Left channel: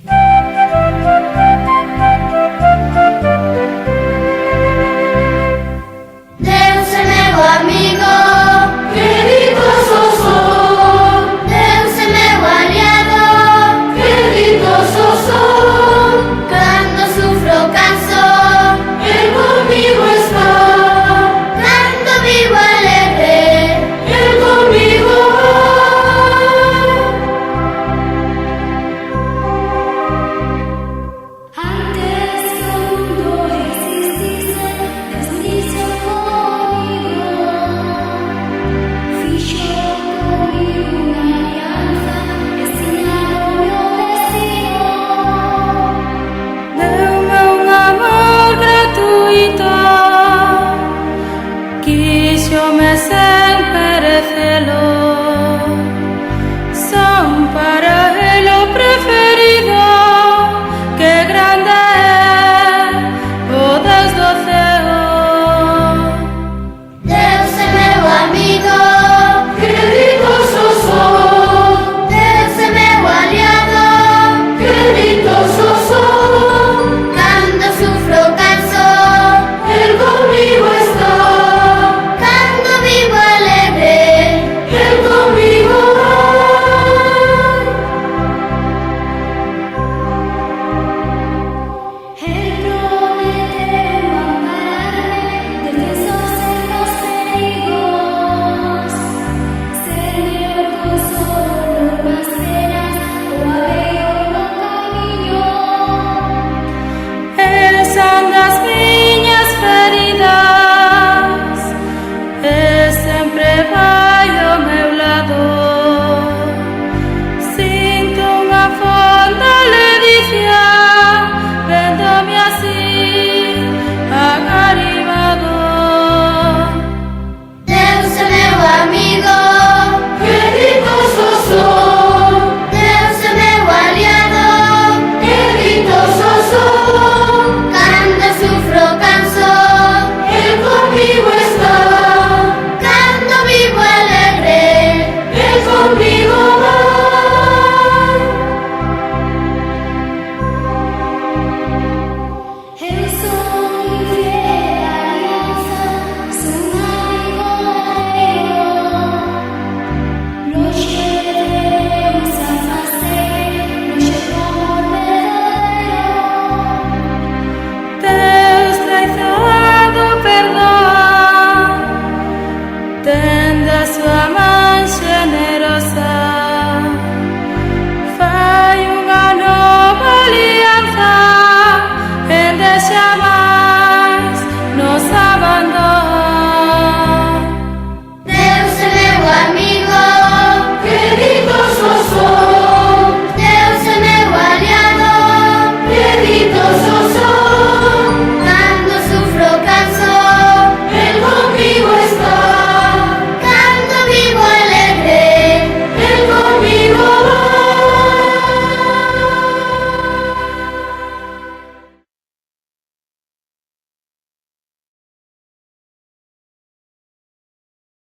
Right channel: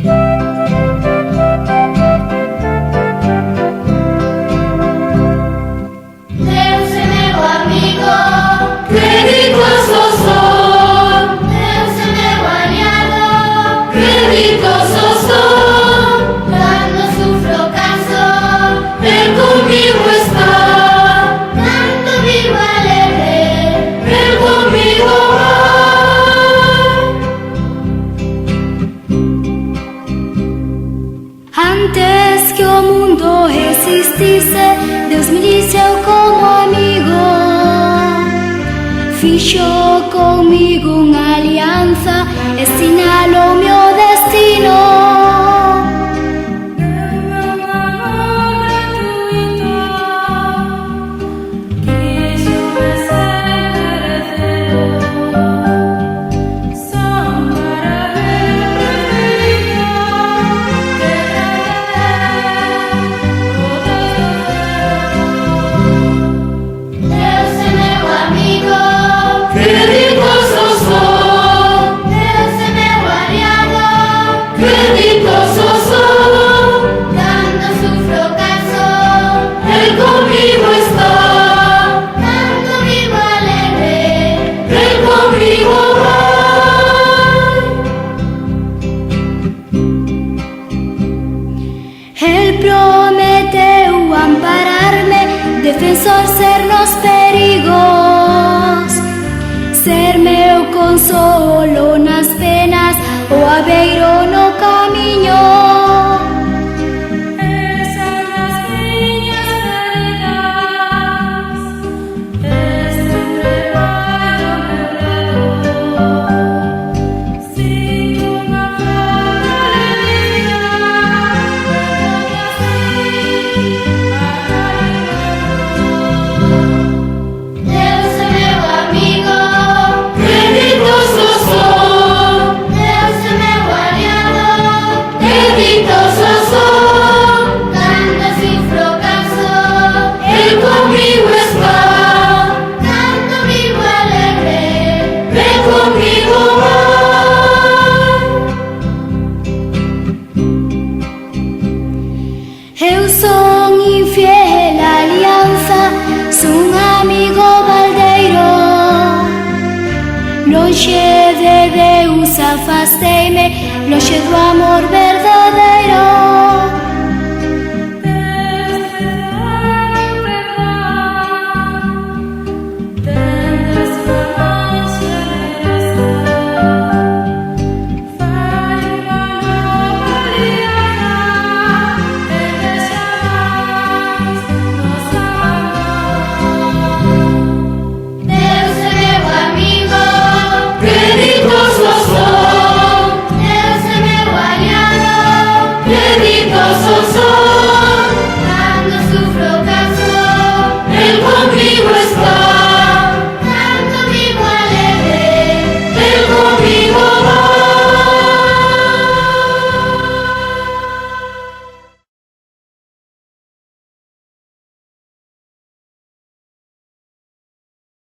Deus é meu amigo, creditoso sou. Deus é meu aliado, creditoso sou. Quando sufro canso, Él conmigo está. Quando vivo alegre, Él conmigo va. Antes que o mundo existisse, Deus me disse como amigo. Fixo comigo unha alianza e sinalou meu destino. Deu-me un amor gratuito, quixome sen merecelo. Son para él o preferido, que grande é o Deus do céu. Deus é meu amigo, creditoso sou. Deus é meu aliado, creditoso sou. Quando sufro canso, Él conmigo está. Quando vivo alegre, Él conmigo va. Él prometeu ampararme, defensor ser nos perigos, ser meu consolo nas penas, o abeiro no camiño. El san das miñas feridas, e sempre vai do meu lado. Sinto unha fonda ledicia, vendo-me así acaribado. Deus é meu amigo, creditoso sou. Deus é meu aliado, creditoso sou. Quando sufro canso, Él conmigo está. Quando vivo alegre, Él conmigo va. Eu son infiel á alianza, son amigo baldeiro. Lonxe de Deus afasteime, lonxe do amor verdadeiro.